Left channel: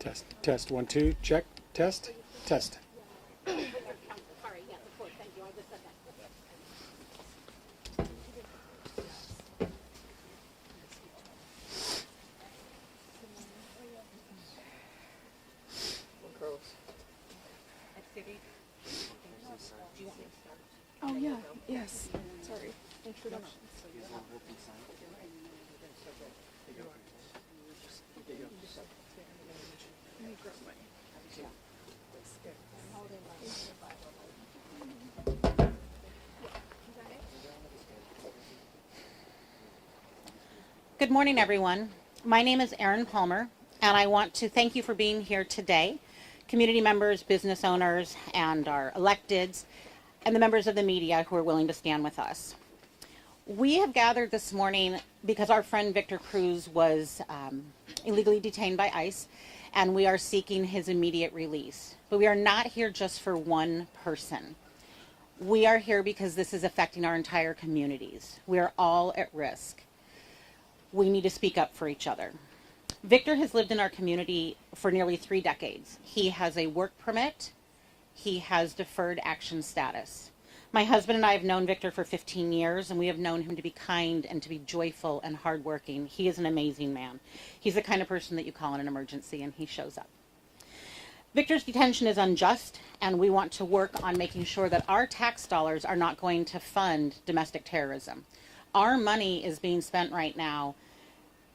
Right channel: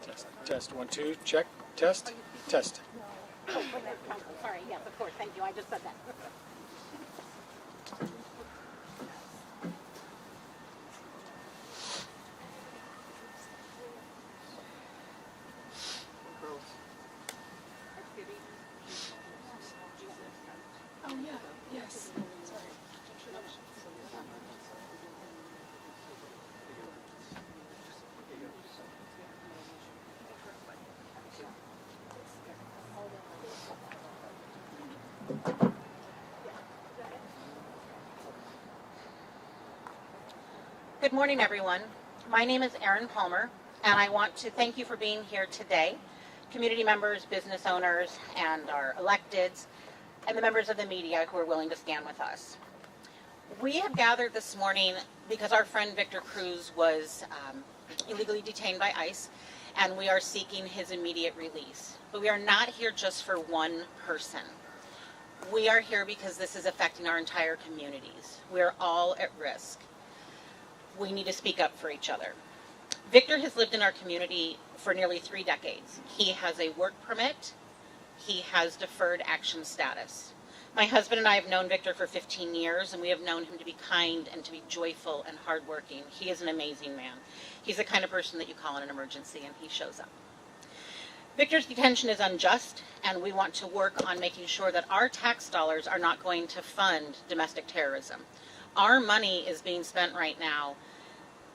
Test, test, 1, 2, check, test, test. Sorry, yes, of course, thank you, I just said that. Oh yeah, yes. Sorry. Introduction. Good morning, everyone. My name is Erin Palmer, and I want to thank you for being here today. Community members, business owners, and our electeds, and the members of the media who are willing to stand with us. We have gathered this morning because our friend Victor Cruz was illegally detained by ICE, and we are seeking his immediate release. But we are not here just for one person. We are here because this is affecting our entire communities. We are all at risk. We need to speak up for each other. Victor has lived in our community for nearly 3 decades. He has a work permit. He has deferred action status. My husband and I have known Victor for 15 years, and we have known him to be kind and to be joyful and hardworking. He is an amazing man. He's the kind of person that you call in an emergency, and he shows up. Victor's detention is unjust, and we want to work on making sure that our tax dollars are not going to fund domestic terrorism. Our money is being spent right now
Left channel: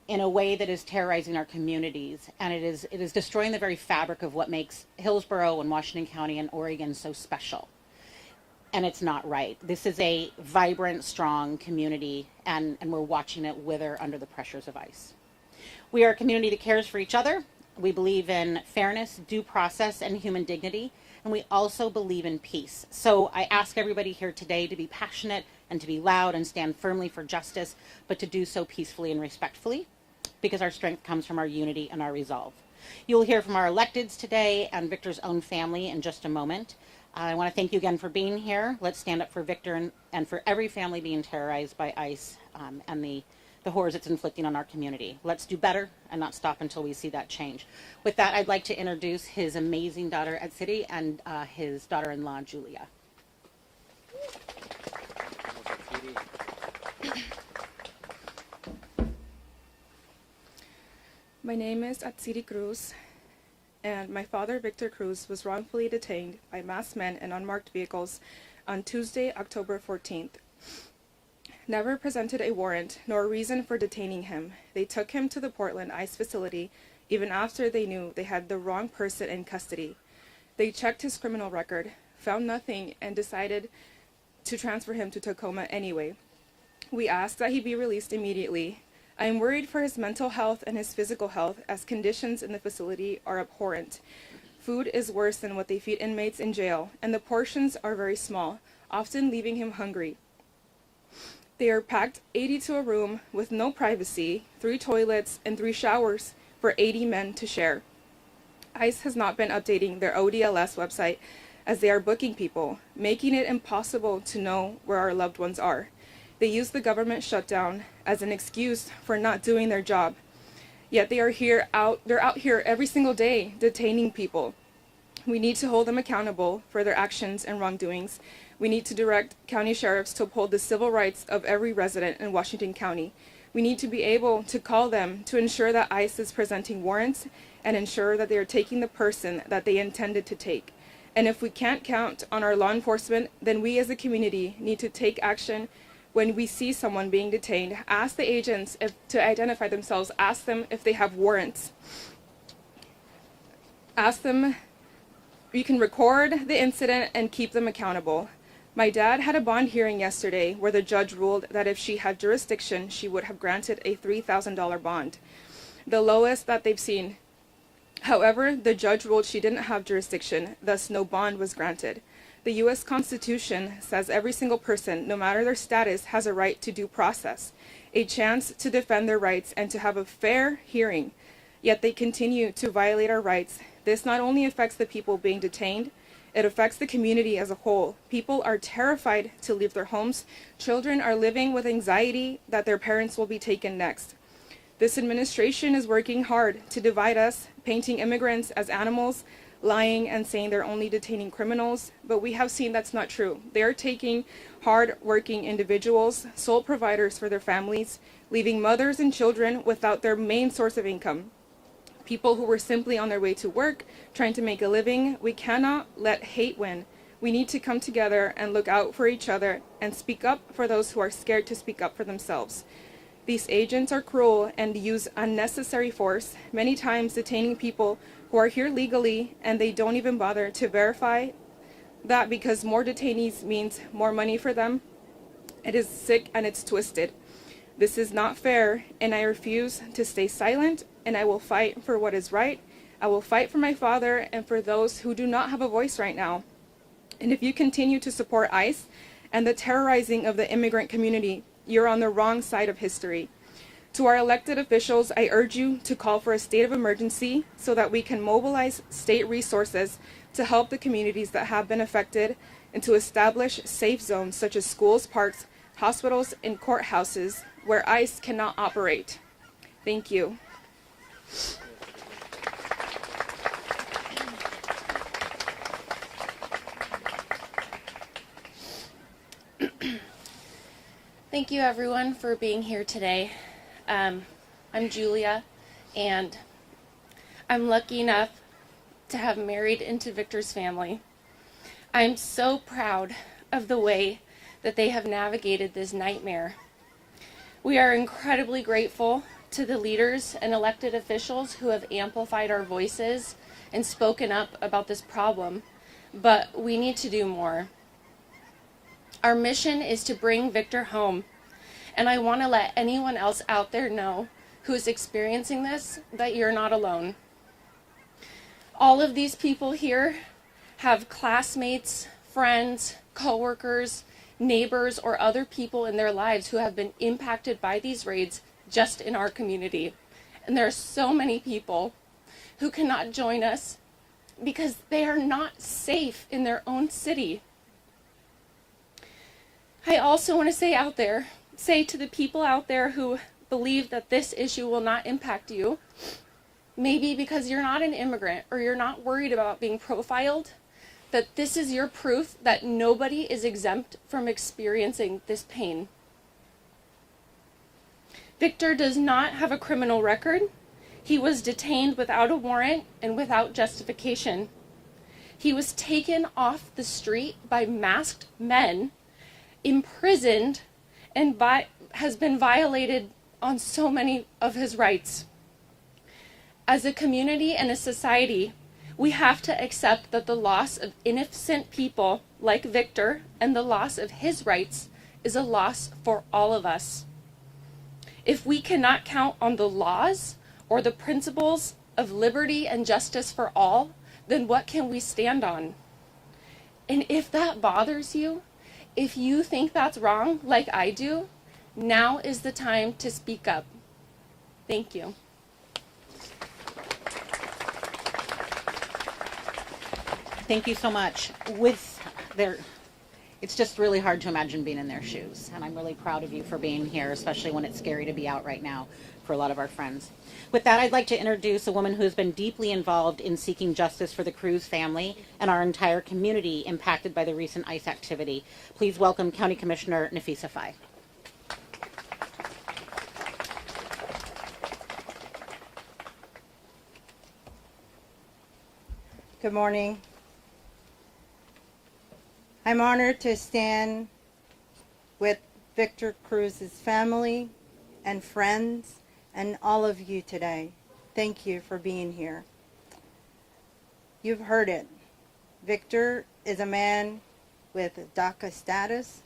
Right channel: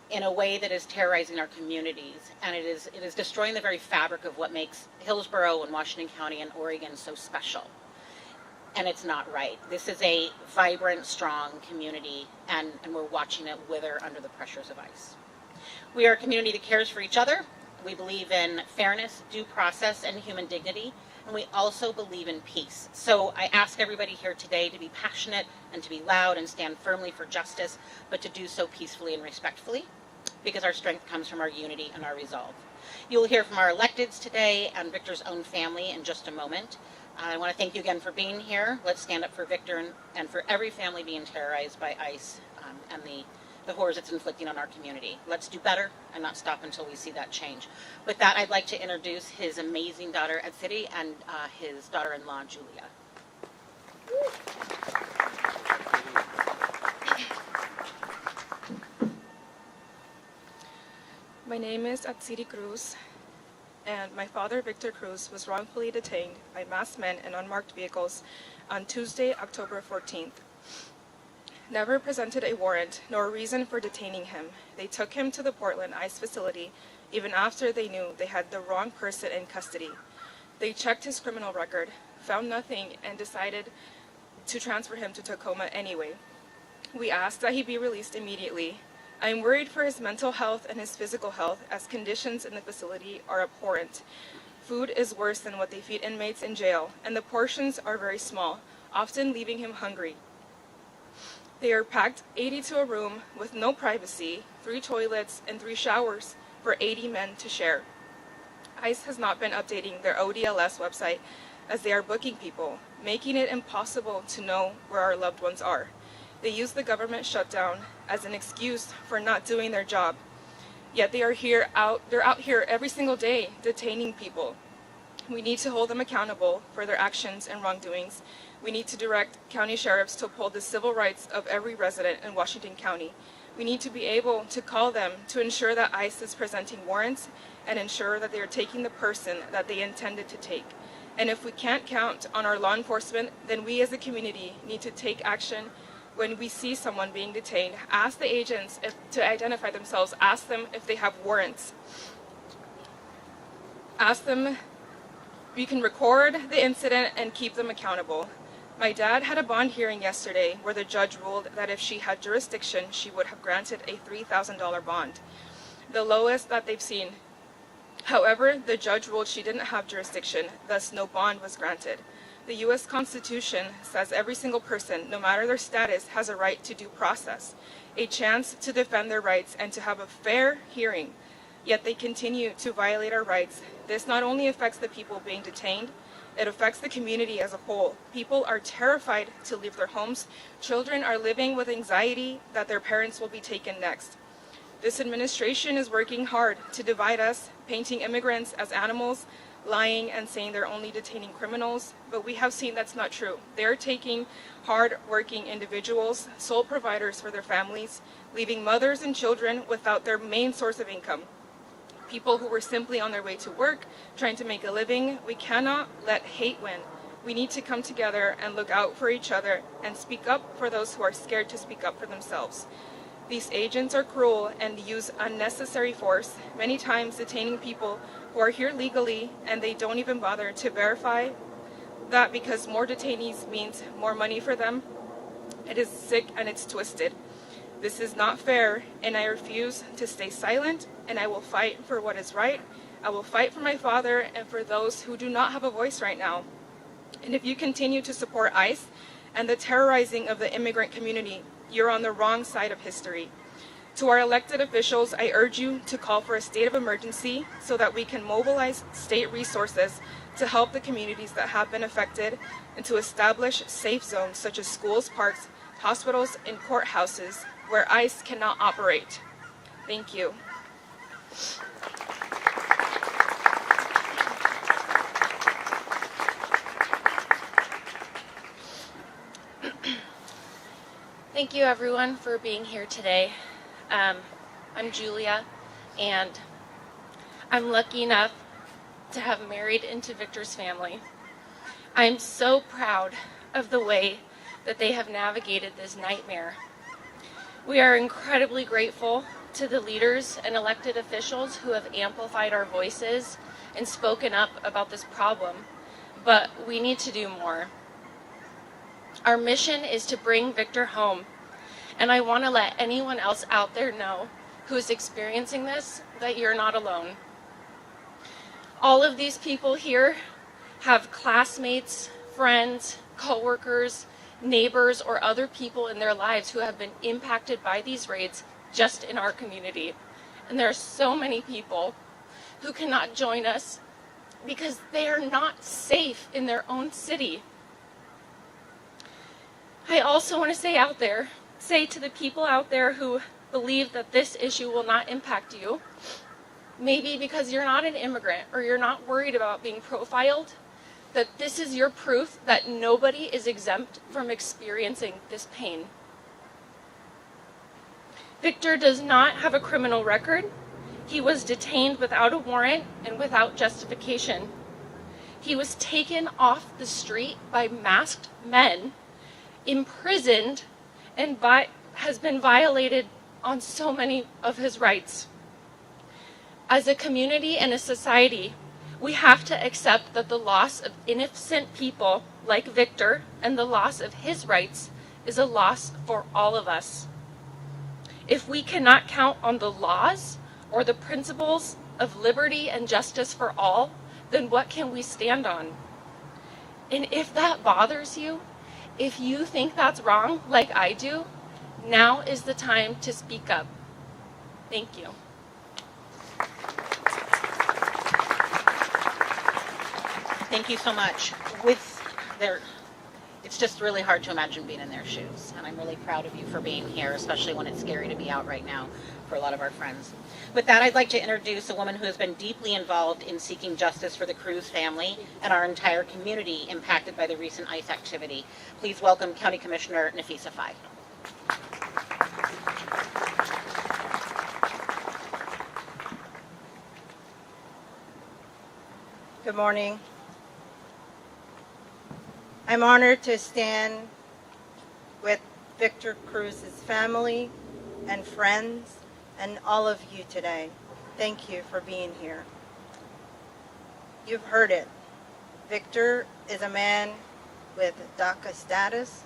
in a way that is terrorizing our communities, and it is destroying the very fabric of what makes Hillsboro and Washington County and Oregon so special. And it's not right. This is a vibrant, strong community, and we're watching it wither under the pressures of ICE. We are a community that cares for each other. We believe in fairness, due process, and human dignity. And we also believe in peace. So I ask everybody here today to be passionate and to be loud and stand firmly for justice, but to do so peacefully and respectfully, because our strength comes from our unity and our resolve. You'll hear from our electeds today and Victor's own family in just a moment. I want to thank you again for being here. Let's stand up for Victor and for every family being terrorized by ICE and the horrors it's inflicting on our community. Let's do better and not stop until we see that change. With that, I'd like to introduce his amazing daughter at City and his daughter-in-law, Julia. My name is Atsiri Cruz, and my father, Victor Cruz, was wrongfully detained by masked men in unmarked vehicles on Tuesday, October 14th. Never presented a warrant nor a reason for detaining him. They took him to the Portland ICE facility even after they knew they had the wrong person in custody. They checked his criminal record, found nothing, and decided to transfer him to Tacoma anyway. We asked that he be released immediately. I am worried for his mental health and his physical health, as conditions in the facility are abhorrent. Food is worse than what they feed inmates in jail, and the portions are very small, often leaving him hungry. They are packed 80 to a room with no privacy, 3 toilets, and 3 showers for 80 men to share. ICE has not been updating their ODLS website as they are booking people, making it impossible to know where our loved ones are. They use the government shutdown as an excuse for not doing their job. Yet they're out here every single day detaining people. We need to hold them accountable for their actions and wrongdoings. We need to direct county sheriffs to uphold the civil rights of every resident in Washington County. We need to be able to call them to ensure that ICE is presenting warrants and ensure that they are taking the person that they intended to take. And if we can't count on our law enforcement, then we as a community need to take action. When we see someone being detained, ask the agents to identify themselves, ask them if they have warrants. Ask them, we can record the incident and keep them accountable. My dad had a bond hearing yesterday where the judge ruled that if she had jurisdiction, she would have granted a $3,000 bond, the lowest that they've seen. However, the judge ruled she didn't have jurisdiction, thus no bond was granted. The U.S. Constitution says every single person, no matter their status, has a right to due process, a chance to defend their rights and to have a fair hearing. Yet they continue to violate our rights. This not only affects the people being detained, it affects the community as a whole. People are terrified to leave their homes. Children are living with anxiety that their parents will be taken next. This administration is working hard to divide us, painting immigrants as animals, lying and saying they're only detaining criminals, but we have seen that's not true. They're taking hard-working individuals, sole providers for their families, leaving mothers and children without their main source of income. People who were simply on their way to work, trying to make a living. We cannot let hate win. We need to come together and look out for each other and speak up for those who are scared to speak up for themselves. These agents are cruel and use unnecessary force, many times detaining people who are here legally, and they don't even bother to verify that because more detainees means more money for them. It is sick and it's twisted. This is not fair, and I refuse to stay silent, and I will fight for what is right. I will fight for my father and for those who do not have a voice right now. And if you continue to support ICE and the terrorizing of the immigrant community, you're on the wrong side of history. To our elected officials, I urge you to call for a state of emergency so that we can mobilize state resources to help the communities that have been affected and to establish safe zones such as schools, parks, hospitals, and courthouses where ICE cannot operate. Thank you. Thank you everyone for being here today. I'm Julia, and I'm lucky enough to have married into Victor's family. I'm so proud of the way that they have navigated this nightmare. We are incredibly grateful to the leaders and elected officials who have amplified our voices and spoken up about this problem, but we need to do more. Our mission is to bring Victor home, and I want to let anyone else out there know who's experiencing this that you're not alone. All of these people here have classmates, friends, coworkers, neighbors, or other people in their lives who have been impacted by these raids just in our community. And there are so many people who cannot join us because they are not safe in their own city. I also want to say to the people out there who believe that this issue will not impact you, maybe because you're not an immigrant or you're not worried about being profiled, that this is your proof that nobody is exempt from experiencing this pain. Victor does not have a criminal record. He was detained without a warrant and without justification. He was taken off the street by masked men, imprisoned, and has been violated on so many of his rights. As a community and a society, we have to accept that the loss of innocent people like Victor and the loss of his rights is a loss for all of us. If we cannot count on the laws or the principles of liberty and justice for all, then what can we stand on? And if that bothers you, if you think that's wrong, like I do, now is the time to speak up. Thank you. Thank you so much. It's just really hard to imagine being in their shoes, and I'm really proud of you for being here, especially when it's scary to be out right now for a lot of our friends. With that, I'd like to introduce a woman who has been deeply involved in seeking justice for the Cruz family and our entire community impacted by the recent ICE activity. Please welcome County Commissioner Nafisa Faye. Good morning. I'm honored to stand with Victor Cruz's family and friends and all of you today. Thank you for being here. You've heard it. Victor is a man with DACA status,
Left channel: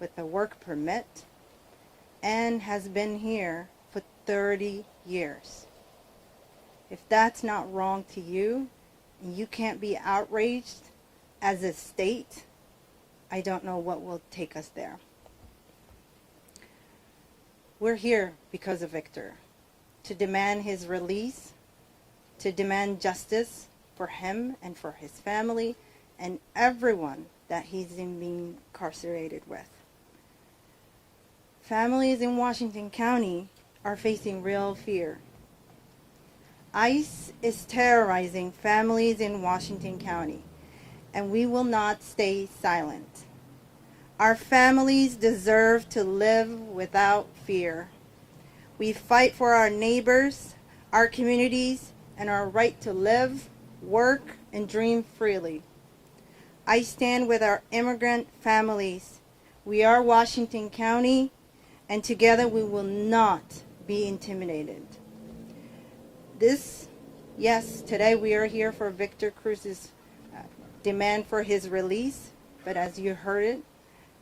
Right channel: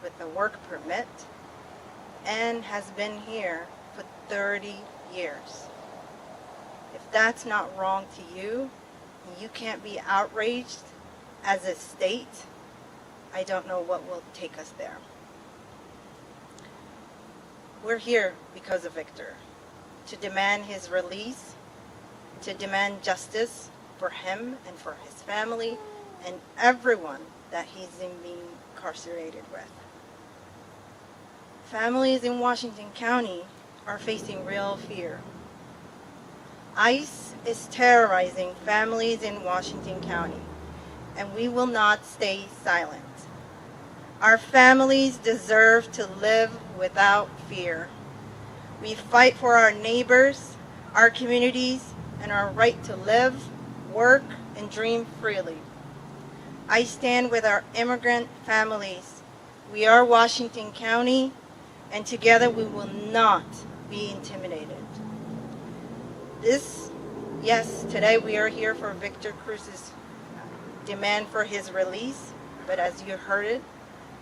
with a work permit, and has been here for 30 years. If that's not wrong to you, you can't be outraged as a state, I don't know what will take us there. We're here because of Victor, to demand his release, to demand justice for him and for his family and everyone that he's being incarcerated with. Families in Washington County are facing real fear. ICE is terrorizing families in Washington County, and we will not stay silent. Our families deserve to live without fear. We fight for our neighbors, our communities, and our right to live, work, and dream freely. I stand with our immigrant families. We are Washington County, and together we will not be intimidated. Today we are here for Victor Cruz's demand for his release, but as you heard it,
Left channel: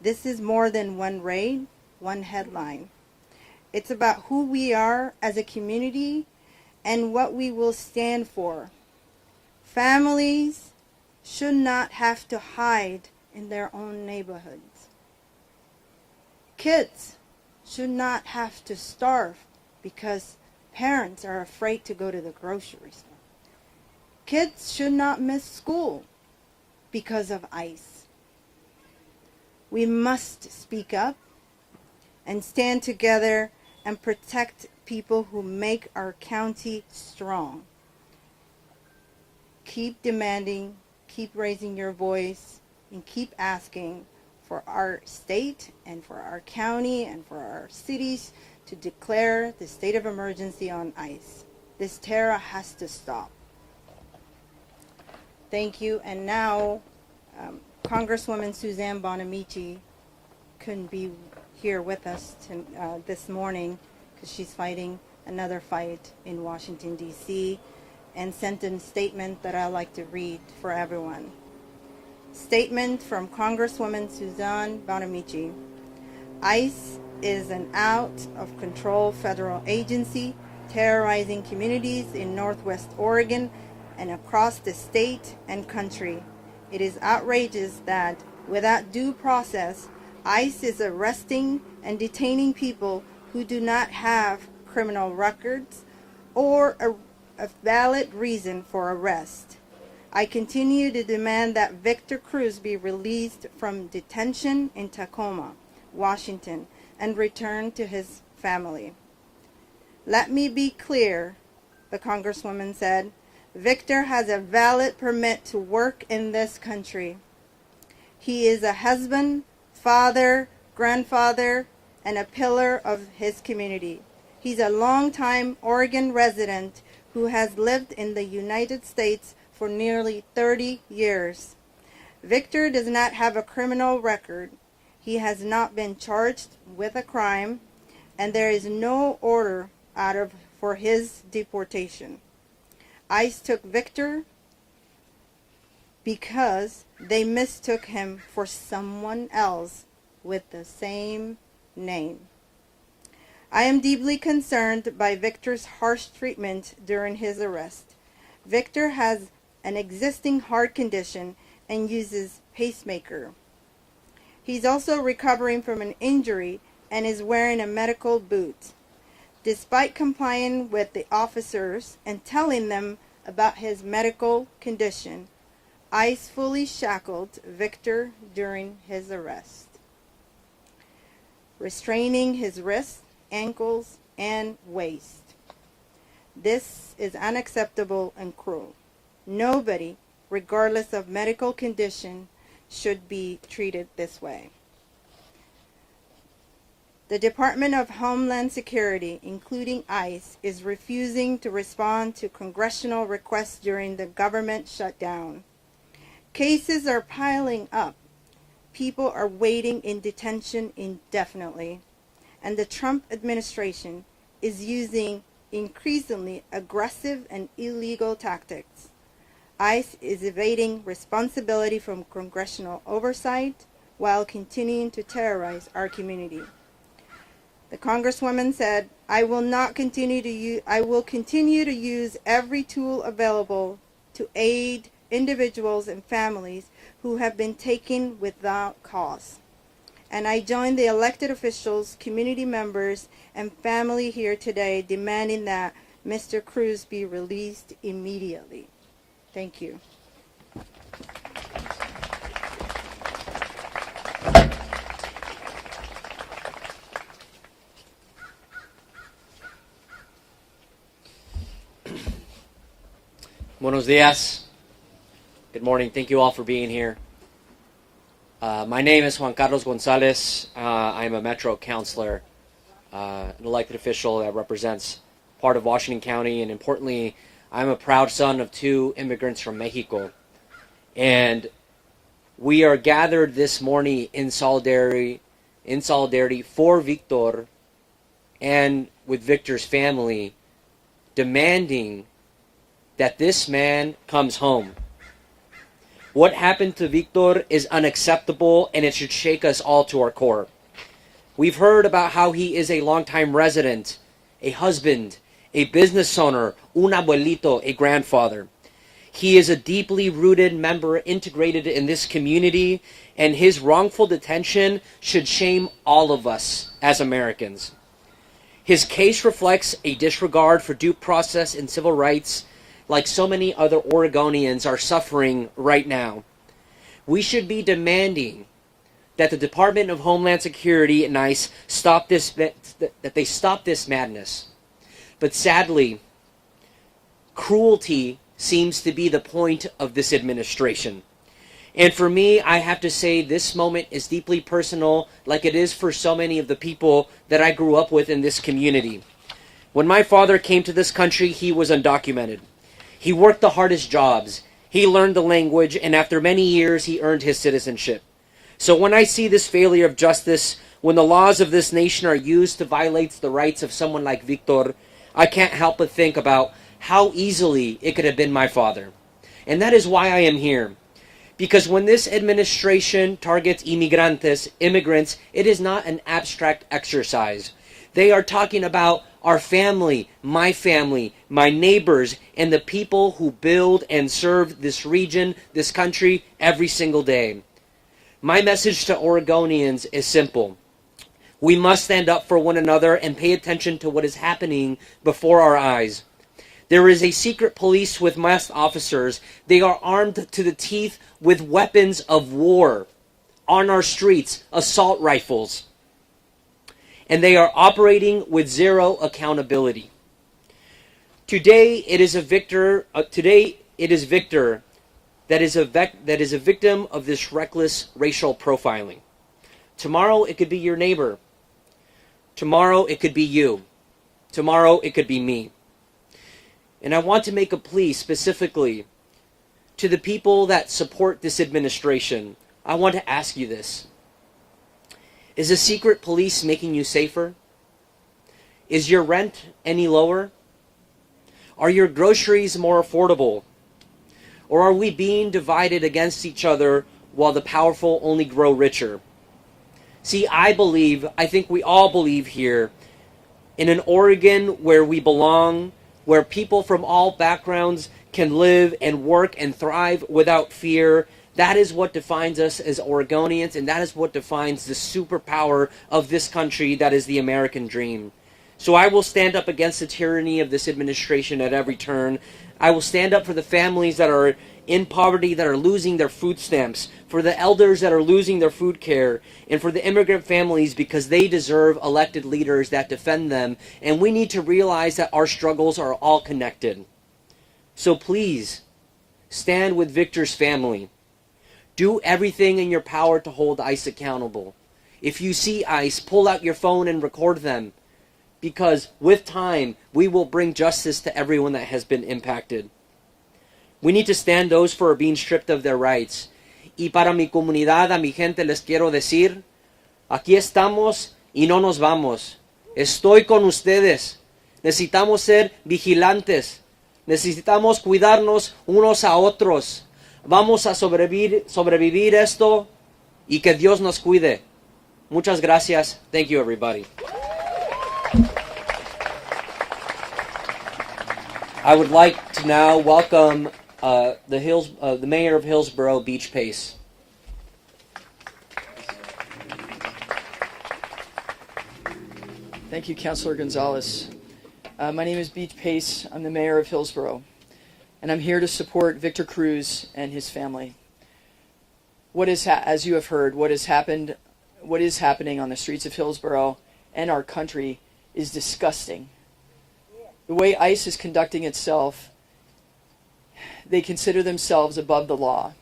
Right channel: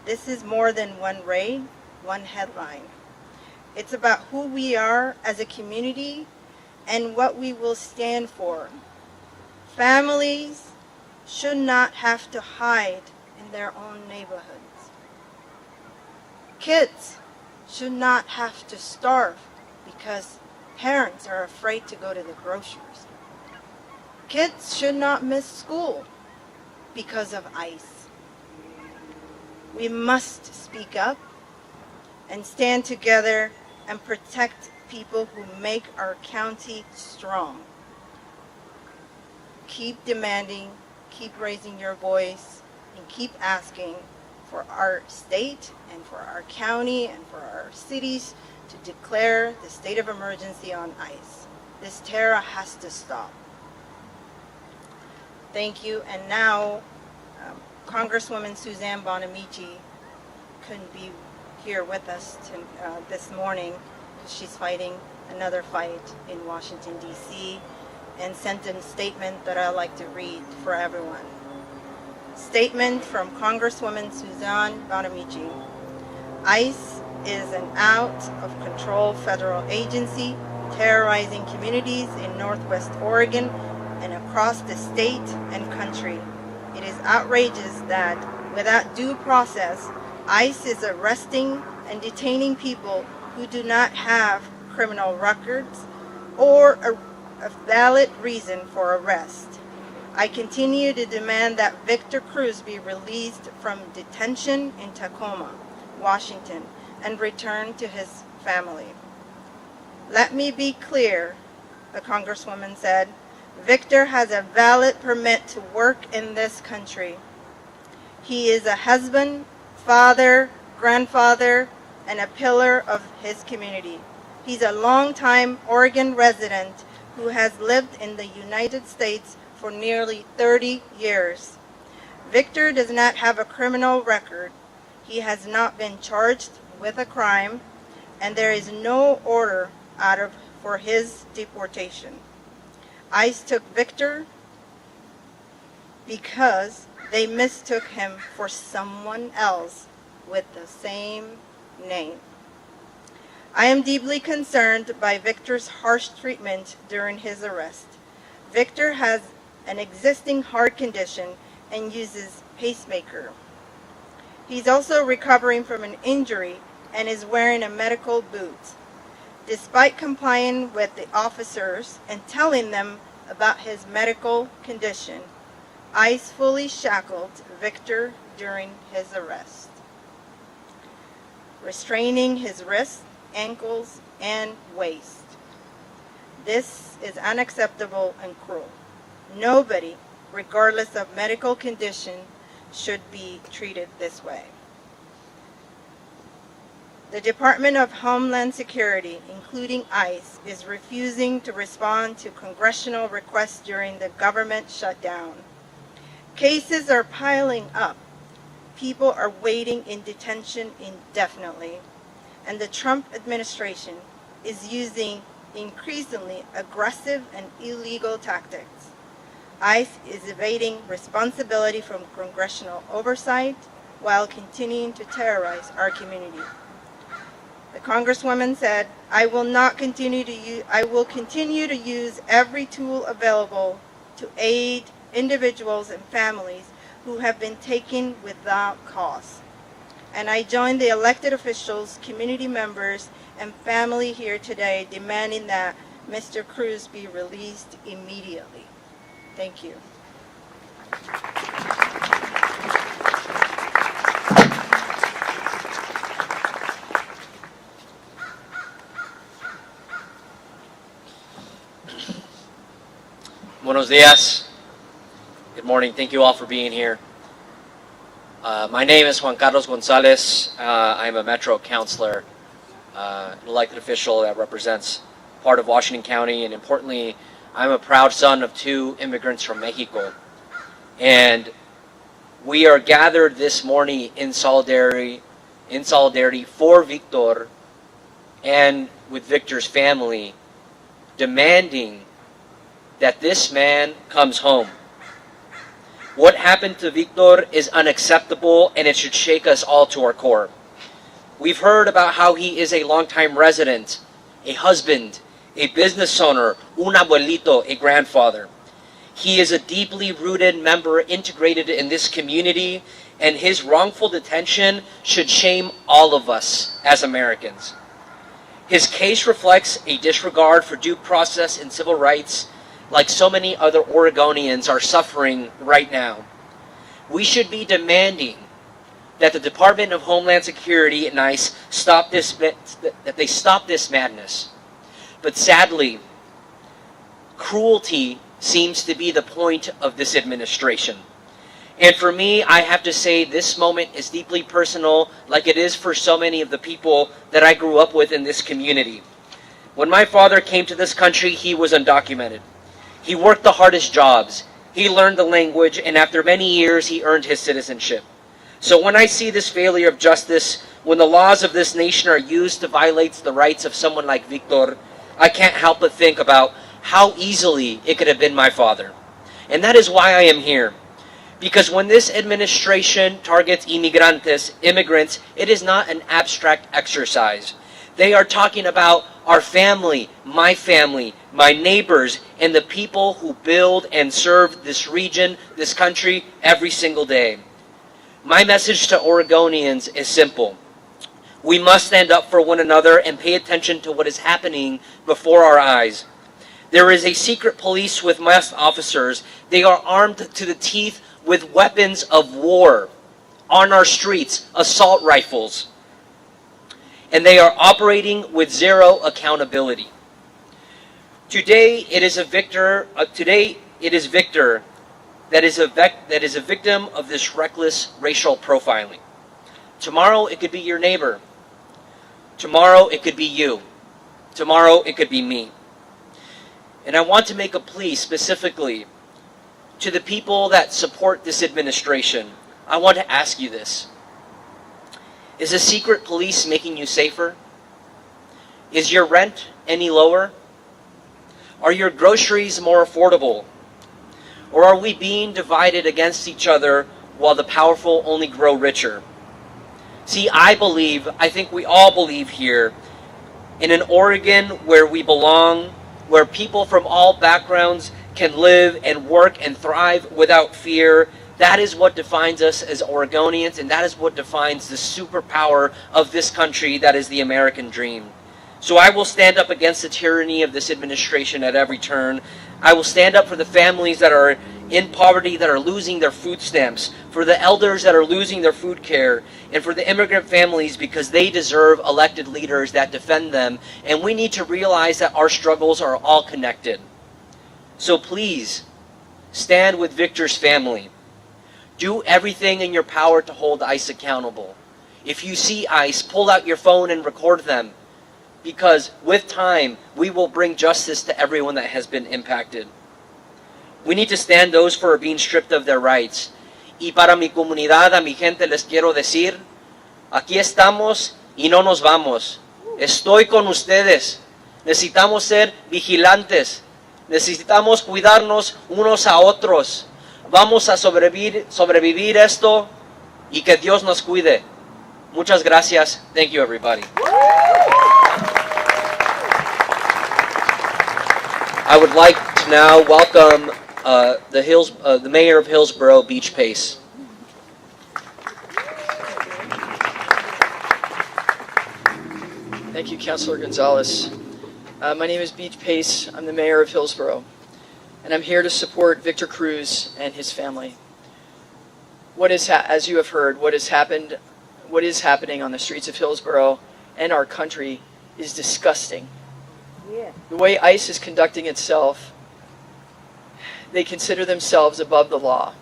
this is more than one raid, one headline. It's about who we are as a community and what we will stand for. Families should not have to hide in their own neighborhoods. Kids should not have to starve because parents are afraid to go to the grocery store. Kids should not miss school because of ICE. We must speak up and stand together and protect people who make our county strong. Keep demanding, keep raising your voice, and keep asking for our state and for our county and for our cities to declare the state of emergency on ICE. This terror has to stop. Thank you. And now, Congresswoman Suzanne Bonamici couldn't be here with us this morning because she's fighting another fight in Washington, D.C., and sent a statement that I'd like to read for everyone. Statement from Congresswoman Suzanne Bonamici. ICE is an out-of-control federal agency terrorizing communities in Northwest Oregon and across the state and country. It is outrageous that, without due process, ICE is arresting and detaining people who do not have criminal records or a valid reason for arrest. I continue to demand that Victor Cruz be released from detention in Tacoma, Washington, and returned to his family. Let me be clear, the Congresswoman said. Victor has a valid permit to work in this country. He is a husband, father, grandfather, and a pillar of his community. He's a longtime Oregon resident who has lived in the United States for nearly 30 years. Victor does not have a criminal record. He has not been charged with a crime, and there is no order for his deportation. ICE took Victor because they mistook him for someone else with the same name. I am deeply concerned by Victor's harsh treatment during his arrest. Victor has an existing heart condition and uses pacemaker. He's also recovering from an injury and is wearing a medical boot. Despite complying with the officers and telling them about his medical condition, ICE fully shackled Victor during his arrest, restraining his wrists, ankles, and waist. This is unacceptable and cruel. Nobody, regardless of medical condition, should be treated this way. The Department of Homeland Security, including ICE, is refusing to respond to congressional requests during the government shutdown. Cases are piling up. People are waiting in detention indefinitely, and the Trump administration is using increasingly aggressive and illegal tactics. ICE is evading responsibility from congressional oversight while continuing to terrorize our community. The Congresswoman said, I will continue to use every tool available to aid individuals and families who have been taken without cause. And I join the elected officials, community members, and family here today demanding that Mr. Cruz be released immediately. Thank you. Buenos dias. Good morning. Thank you all for being here. My name is Juan Carlos Gonzalez. I'm a Metro Councilor, an elected official that represents part of Washington County, and importantly, I'm a proud son of 2 immigrants from Mexico. And we are gathered this morning in solidarity for Victor and with Victor's family, demanding that this man comes home. What happened to Victor is unacceptable, and it should shake us all to our core. We've heard about how he is a longtime resident, a husband, a business owner, un abuelito, a grandfather. He is a deeply rooted member integrated in this community, and his wrongful detention should shame all of us as Americans. His case reflects a disregard for due process and civil rights, like so many other Oregonians are suffering right now. We should be demanding that the Department of Homeland Security and ICE stop this madness. But sadly, cruelty seems to be the point of this administration. And for me, I have to say this moment is deeply personal, like it is for so many of the people that I grew up with in this community. When my father came to this country, he was undocumented. He worked the hardest jobs. He learned the language, and after many years, he earned his citizenship. So when I see this failure of justice, when the laws of this nation are used to violate the rights of someone like Victor, I can't help but think about how easily it could have been my father. And that is why I am here. Because when this administration targets immigrants, it is not an abstract exercise. They are talking about our family, my neighbors, and the people who build and serve this region, this country, every single day. My message to Oregonians is simple. We must stand up for one another and pay attention to what is happening before our eyes. There is a secret police with masked officers. They are armed to the teeth with weapons of war on our streets, assault rifles. And they are operating with zero accountability. Today it is Victor that is a victim of this reckless racial profiling. Tomorrow it could be your neighbor. Tomorrow it could be you. Tomorrow it could be me. And I want to make a plea specifically to the people that support this administration. I want to ask you this. Is the secret police making you safer? Is your rent any lower? Are your groceries more affordable? Or are we being divided against each other while the powerful only grow richer? See, I think we all believe here in an Oregon where we belong, where people from all backgrounds can live and work and thrive without fear. That is what defines us as Oregonians, and that is what defines the superpower of this country, that is the American dream. So I will stand up against the tyranny of this administration at every turn. I will stand up for the families that are in poverty, that are losing their food stamps, for the elders that are losing their food care, and for the immigrant families, because they deserve elected leaders that defend them. And we need to realize that our struggles are all connected. So please, stand with Victor's family. Do everything in your power to hold ICE accountable. If you see ICE, pull out your phone and record them. Because with time, we will bring justice to everyone that has been impacted. We need to stand those who are being stripped of their rights. Y para mi comunidad, a mi gente les quiero decir, aquí estamos y no nos vamos. Estoy con ustedes. Necesitamos ser vigilantes. Necesitamos cuidarnos unos a otros. Vamos a sobrevivir esto y que Dios nos cuide. Muchas gracias. Thank you, everybody. I would like to now welcome the mayor of Hillsboro, Beach Pace. Thank you, Councilor Gonzalez. My name is Beach Pace. I'm the mayor of Hillsboro, and I'm here to support Victor Cruz and his family. As you have heard, what is happening on the streets of Hillsboro and our country is disgusting. The way ICE is conducting itself they consider themselves above the law.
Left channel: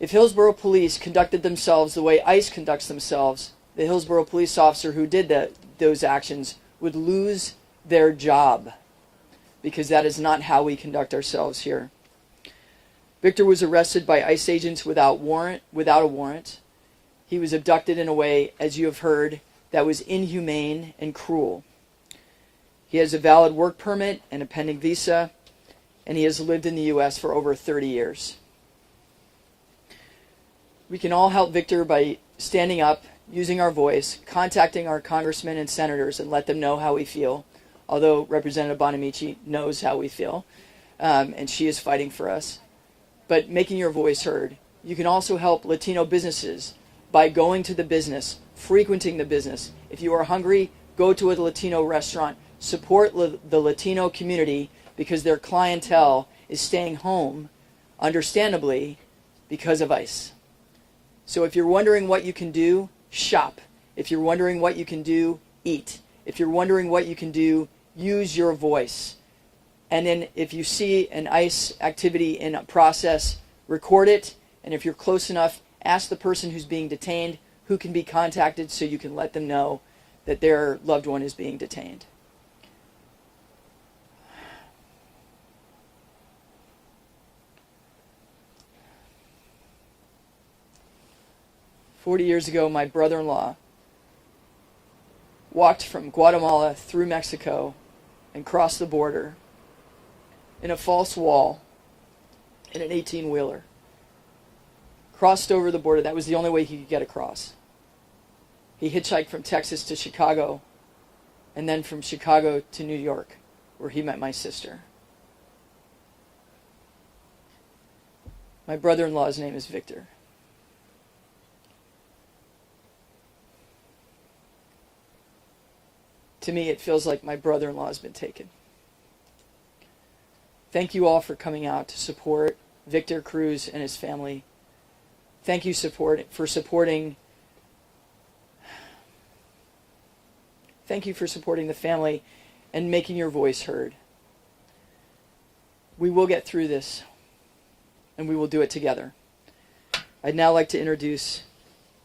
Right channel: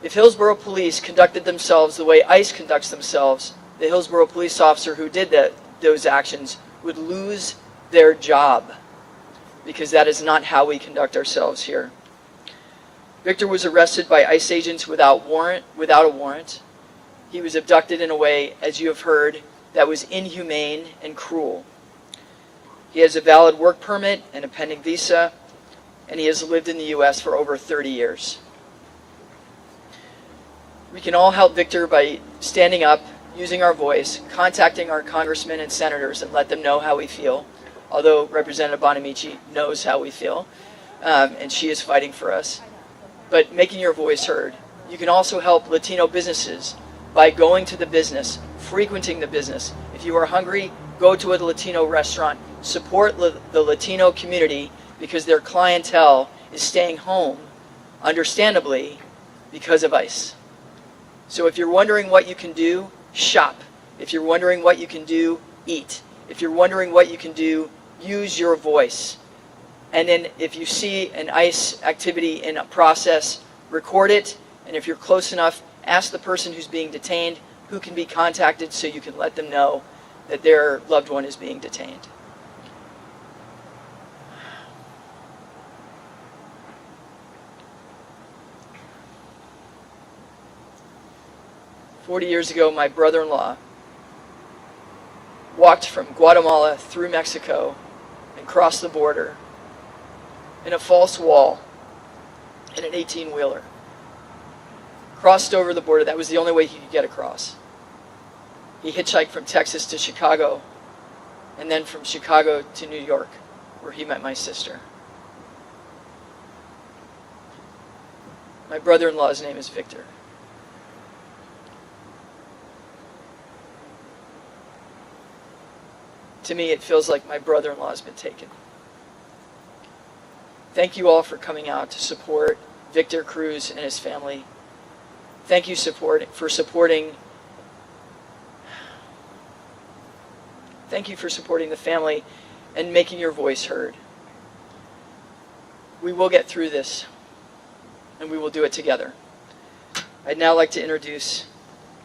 If Hillsboro police conducted themselves the way ICE conducts themselves, the Hillsboro police officer who did those actions would lose their job, because that is not how we conduct ourselves here. Victor was arrested by ICE agents without a warrant. He was abducted in a way, as you have heard, that was inhumane and cruel. He has a valid work permit and a pending visa, and he has lived in the U.S. for over 30 years. We can all help Victor by standing up, using our voice, contacting our congressmen and senators and let them know how we feel, although Representative Bonamici knows how we feel, and she is fighting for us. But making your voice heard. You can also help Latino businesses by going to the business, frequenting the business. If you are hungry, go to a Latino restaurant. Support the Latino community, because their clientele is staying home, understandably, because of ICE. So if you're wondering what you can do, shop. If you're wondering what you can do, eat. If you're wondering what you can do, use your voice. And then if you see an ICE activity in a process, record it. And if you're close enough, ask the person who's being detained who can be contacted, so you can let them know that their loved one is being detained. "40 years ago, my brother-in-law walked from Guatemala through Mexico and crossed the border in a false wall in an 18-wheeler. Crossed over the border. That was the only way he could get across. He hitchhiked from Texas to Chicago, and then from Chicago to New York, where he met my sister. My brother-in-law's name is Victor. To me, it feels like my brother-in-law has been taken. Thank you all for coming out to support Victor Cruz and his family. Thank you for supporting the family and making your voice heard. We will get through this, and we will do it together. I'd now like to introduce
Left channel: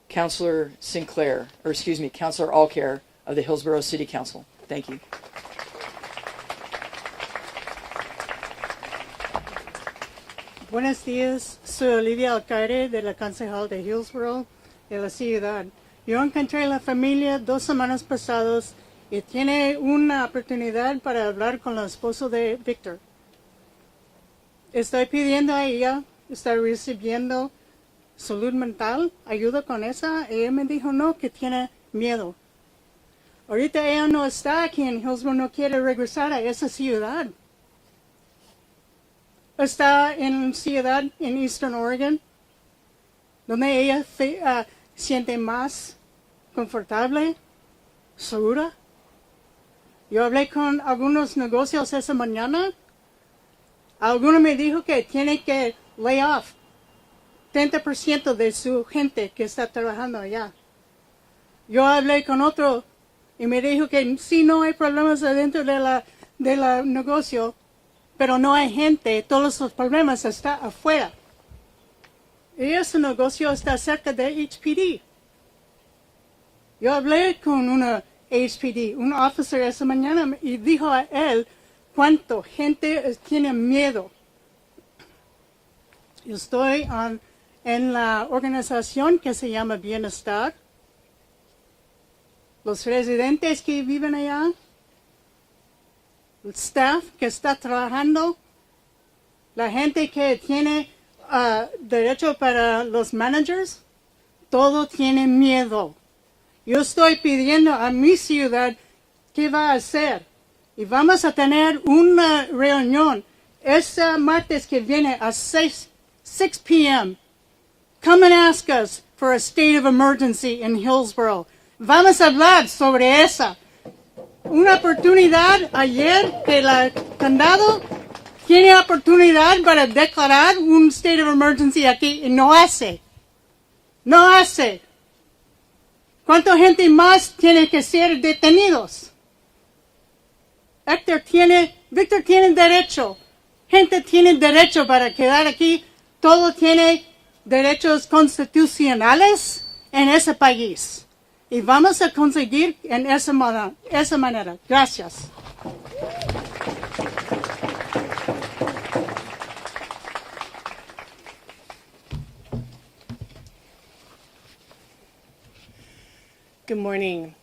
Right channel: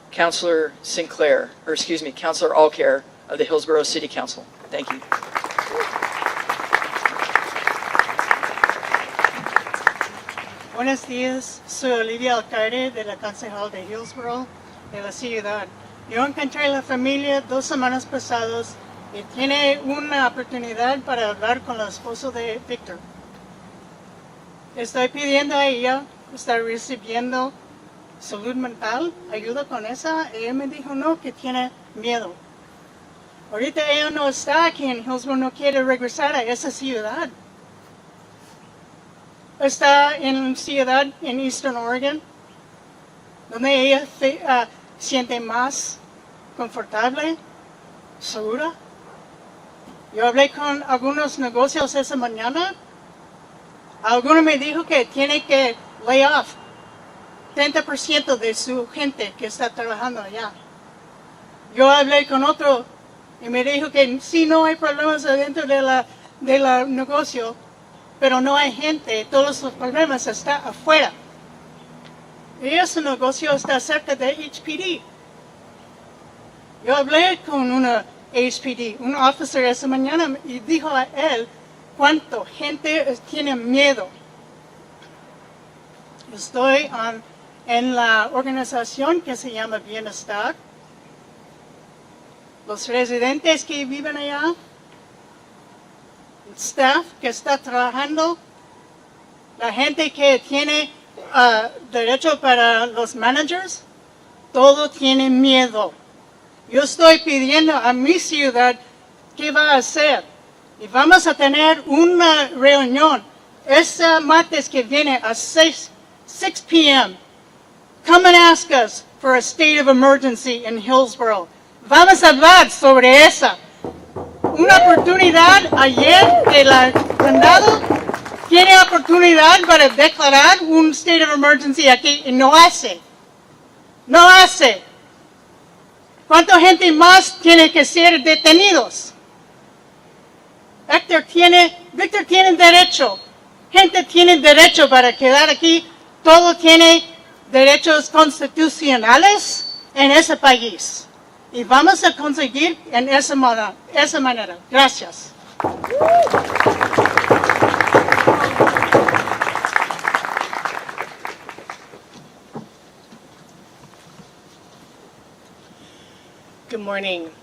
Councilor Allcare of the Hillsboro City Council. Thank you. Buenos días, soy Olivia Alcaide de la Concejal de Hillsboro de la ciudad. Yo encontré a la familia 2 semanas pasadas y tiene una oportunidad para hablar con el esposo de Victor. Estoy pidiendo a ella, está recibiendo salud mental, ayuda con esa. Ella me dijo no, que tiene miedo. Ahorita ella no está aquí en Hillsboro, no quiere regresar a esa ciudad. Está en una ciudad en Eastern Oregon, donde ella siente más confortable, segura. Yo hablé con algunos negocios esa mañana. Alguno me dijo que tiene que lay off 30% de su gente que está trabajando allá. Yo hablé con otro y me dijo que sí, no hay problemas adentro de la negocio, pero no hay gente, todos los problemas están afuera. Y ese negocio está cerca de HPD. Yo hablé con una HPD, un officer esa mañana, y dijo a él cuánto gente tiene miedo. Yo estoy en la organización que se llama Bienestar. Los residentes que viven allá, el staff que está trabajando, la gente que tiene derecho para los managers, todo tiene miedo. Yo estoy pidiendo a mi ciudad qué va a hacer. Y vamos a tener una reunión este martes que viene a 6 p.m. Come and ask us for a state of emergency in Hillsboro. Vamos a hablar sobre esa. Una oportunidad ayer del Condado tiene oportunidad para declarar un state of emergency aquí y no hace. No hace. ¿Cuánta gente más tiene que ser detenidos? Victor tiene derecho gente tiene derecho para quedar aquí, todo tiene derechos constitucionales en ese país. Y vamos a conseguir en esa manera. Gracias. Good morning.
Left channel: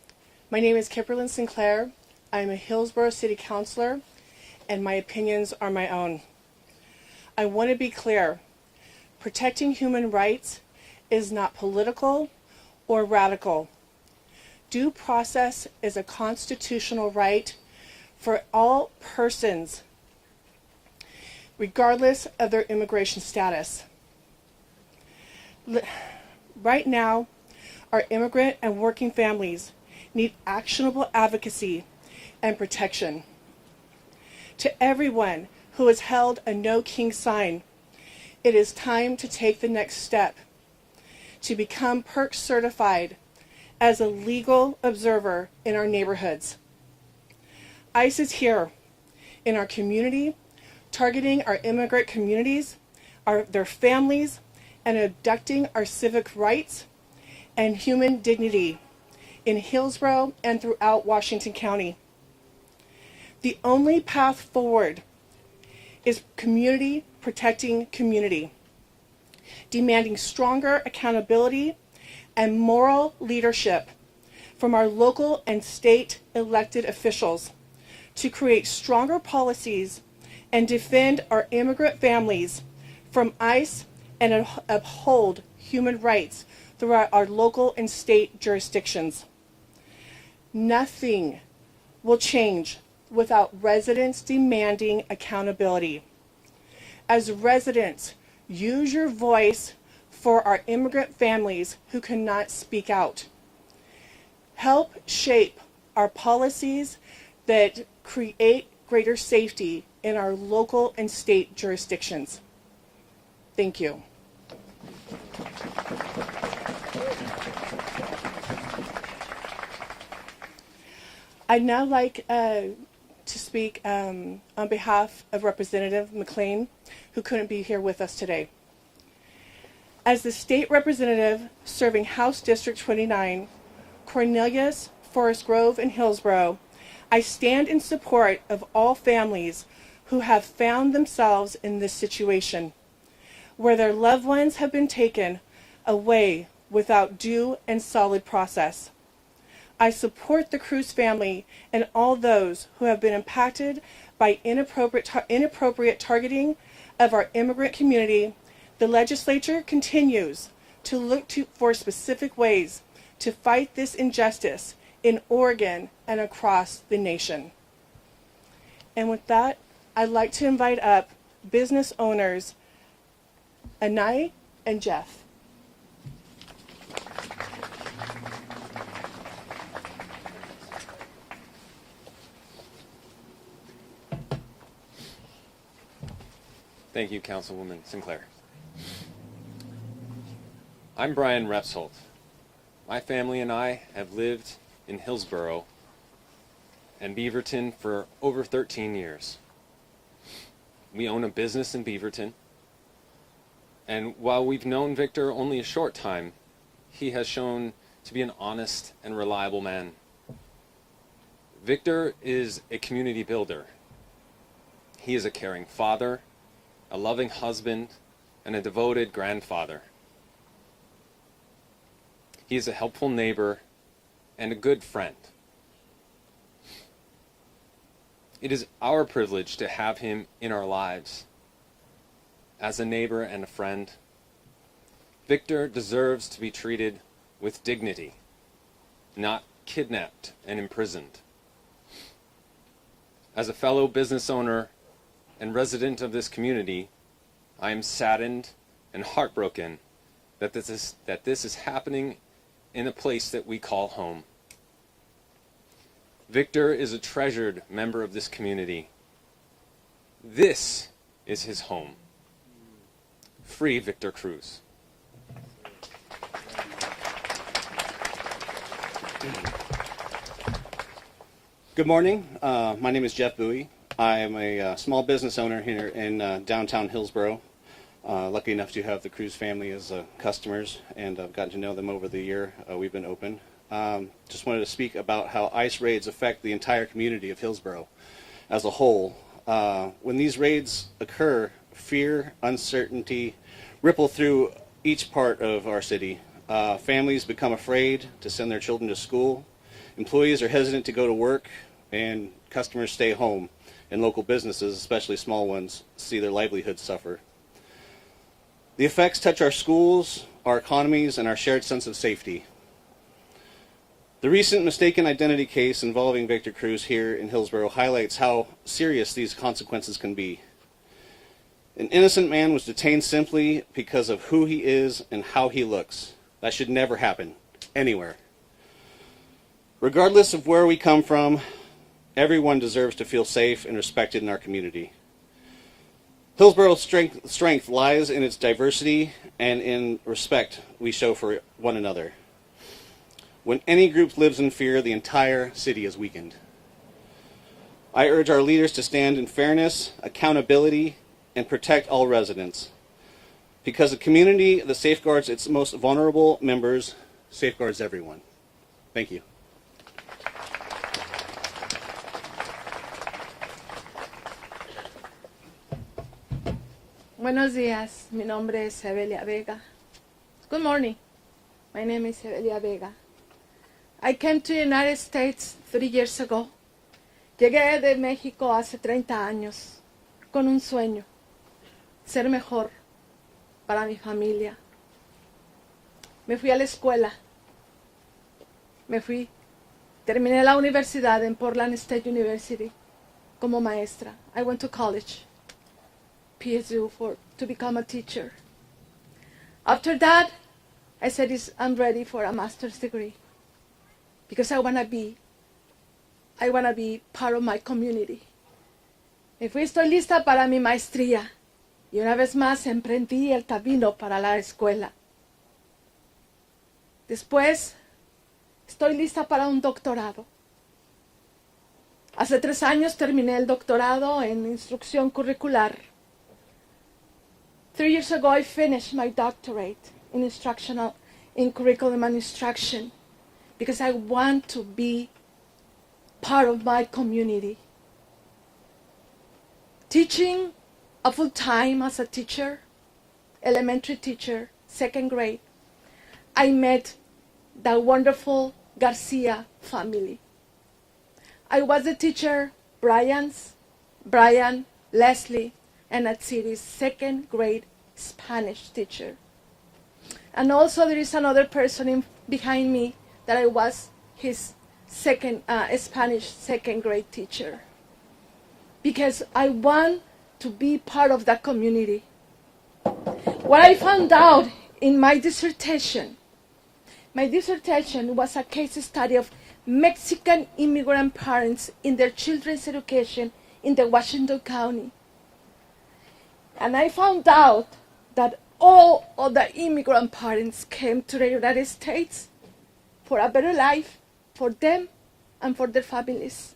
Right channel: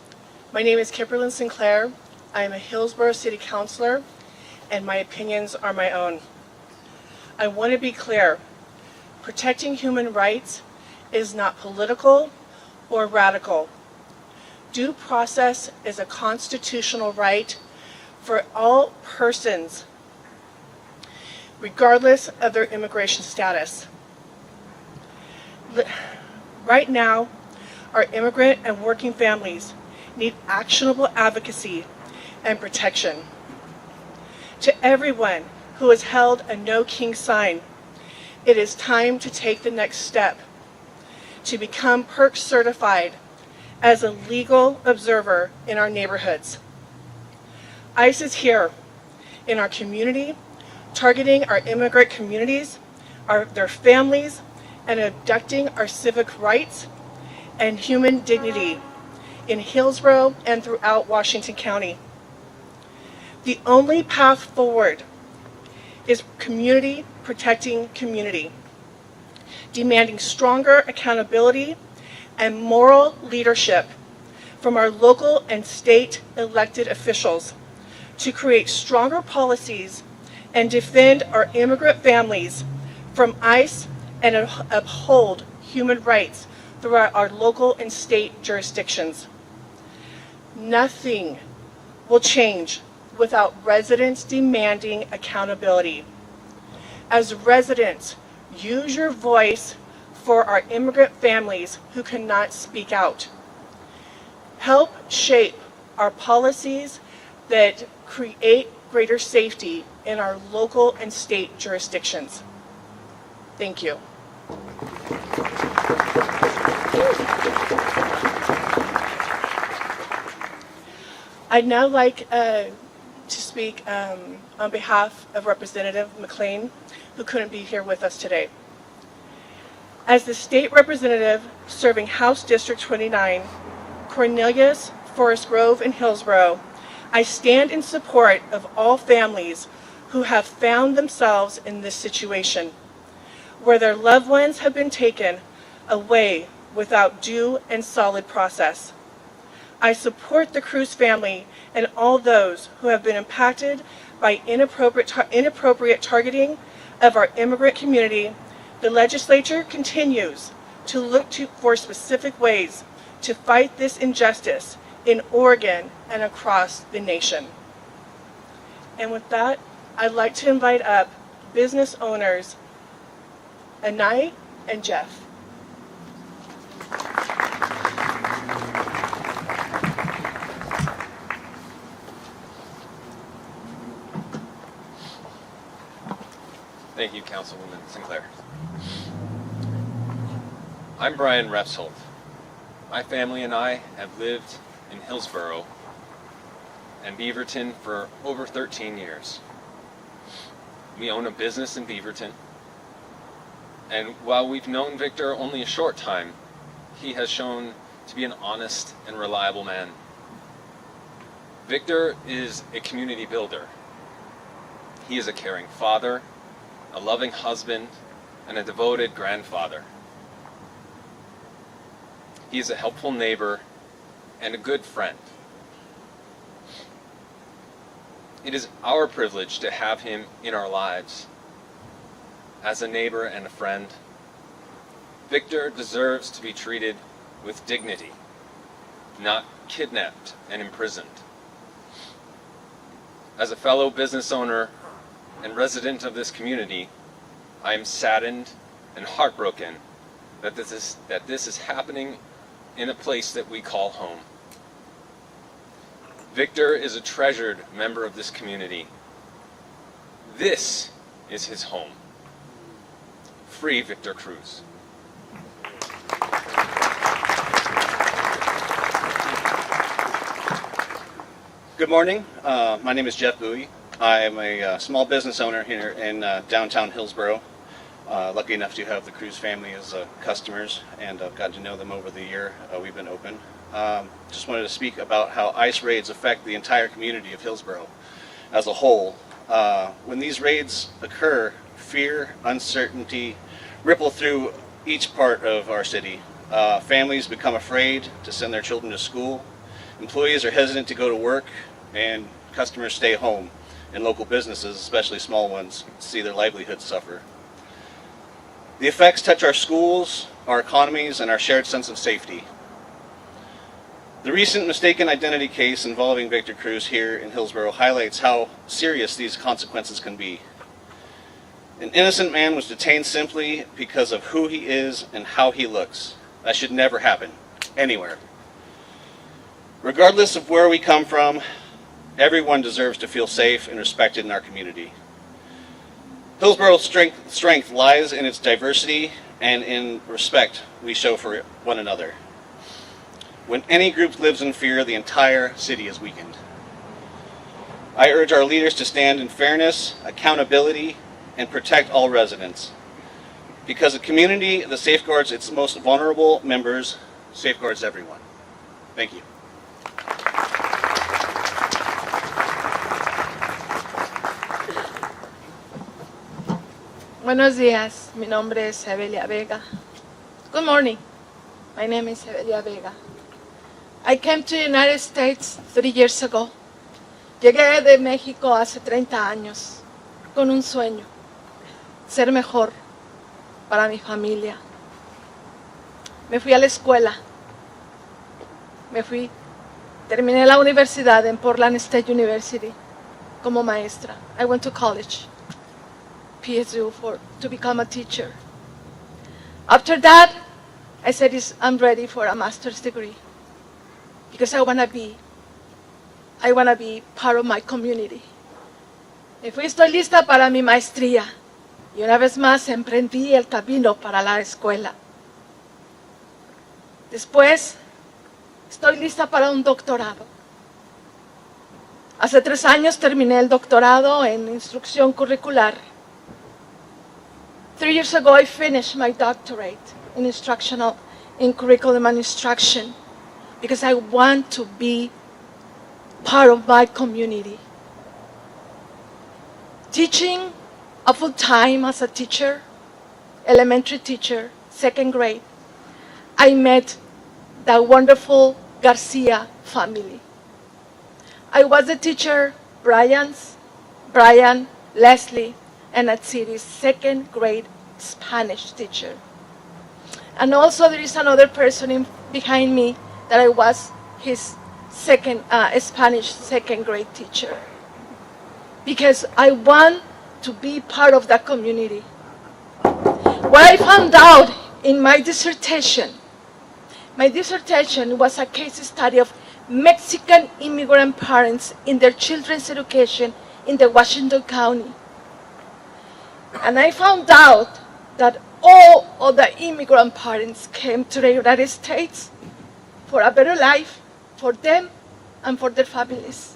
My name is Kimberlyn Sinclair. I am a Hillsboro City Councilor, and my opinions are my own. I want to be clear. Protecting human rights is not political or radical. Due process is a constitutional right for all persons, regardless of their immigration status. Right now, our immigrant and working families need actionable advocacy and protection. To everyone who has held a No King sign, it is time to take the next step to become PERC certified as a legal observer in our neighborhoods. ICE is here in our community, targeting our immigrant communities, their families, and abducting our civic rights and human dignity in Hillsboro and throughout Washington County. The only path forward is community protecting community, demanding stronger accountability and moral leadership from our local and state elected officials to create stronger policies and defend our immigrant families from ICE and uphold human rights throughout our local and state jurisdictions. Nothing will change without residents demanding accountability. As residents, use your voice for our immigrant families who cannot speak out. Help shape our policies that create greater safety in our local and state jurisdictions. Thank you. I'd now like to speak on behalf of Representative McLean, who couldn't be here with us today. As the state representative serving House District 29, Cornelius, Forest Grove, and Hillsboro, I stand in support of all families who have found themselves in this situation, where their loved ones have been taken away without due and solid process. I support the Cruz family and all those who have been impacted by inappropriate targeting of our immigrant community. The legislature continues to look for specific ways to fight this injustice in Oregon and across the nation. And with that, I'd like to invite up business owners Anai and Jeff. Thank you, Councilwoman Sinclair. I'm Brian Refsholt. My family and I have lived in Hillsboro and Beaverton for over 13 years. We own a business in Beaverton, and while we've known Victor only a short time, he has shown to be an honest and reliable man. Victor is a community builder. He is a caring father, a loving husband, and a devoted grandfather. He is a helpful neighbor and a good friend. It is our privilege to have him in our lives. As a neighbor and a friend, Victor deserves to be treated with dignity, not kidnapped and imprisoned. As a fellow business owner and resident of this community, I am saddened and heartbroken that this is happening in a place that we call home. Victor is a treasured member of this community. This is his home. Free Victor Cruz. Good morning. My name is Jeff Bowie. I'm a small business owner here in downtown Hillsboro. Lucky enough to have the Cruz family as customers, and I've gotten to know them over the year we've been open. Just wanted to speak about how ICE raids affect the entire community of Hillsboro as a whole. When these raids occur, fear, uncertainty ripple through each part of our city. Families become afraid to send their children to school. Employees are hesitant to go to work, and customers stay home. And local businesses, especially small ones, see their livelihoods suffer. The effects touch our schools, our economies, and our shared sense of safety. The recent mistaken identity case involving Victor Cruz here in Hillsboro highlights how serious these consequences can be. An innocent man was detained simply because of who he is and how he looks. That should never happen, anywhere. Regardless of where we come from, everyone deserves to feel safe and respected in our community. Hillsboro's strength lies in its diversity and in respect we show for one another. When any group lives in fear, the entire city is weakened. I urge our leaders to stand in fairness, accountability, and protect all residents. Because a community that safeguards its most vulnerable members safeguards everyone. Thank you. Buenos días, mi nombre es Evelia Vega. Good morning, my name is Evelia Vega. I came to the United States 3 years ago. Llegué de México hace 30 años con un sueño, ser mejor para mi familia. Me fui a la escuela, terminé la universidad en Portland State University como maestra. I went to college. PhD to become a teacher. After that, I said I'm ready for a master's degree because I want to be part of my community. Me fui, estoy lista para mi maestría y una vez más emprendí el camino para la escuela. Después, estoy lista para un doctorado. Hace 3 años terminé el doctorado en instrucción curricular. 3 years ago, I finished my doctorate in curriculum and instruction because I want to be part of my community. Teaching a full time as a teacher, elementary teacher, 2nd grade, I met the wonderful Garcia family. I was a teacher, Brian, Leslie, and at City's 2nd grade Spanish teacher. And also there is another person behind me that I was his Spanish 2nd grade teacher. Because I want to be part of that community. What I found out in my dissertation was a case study of Mexican immigrant parents in their children's education in the Washington County. And I found out that all of the immigrant parents came to the United States for a better life for them and for their families.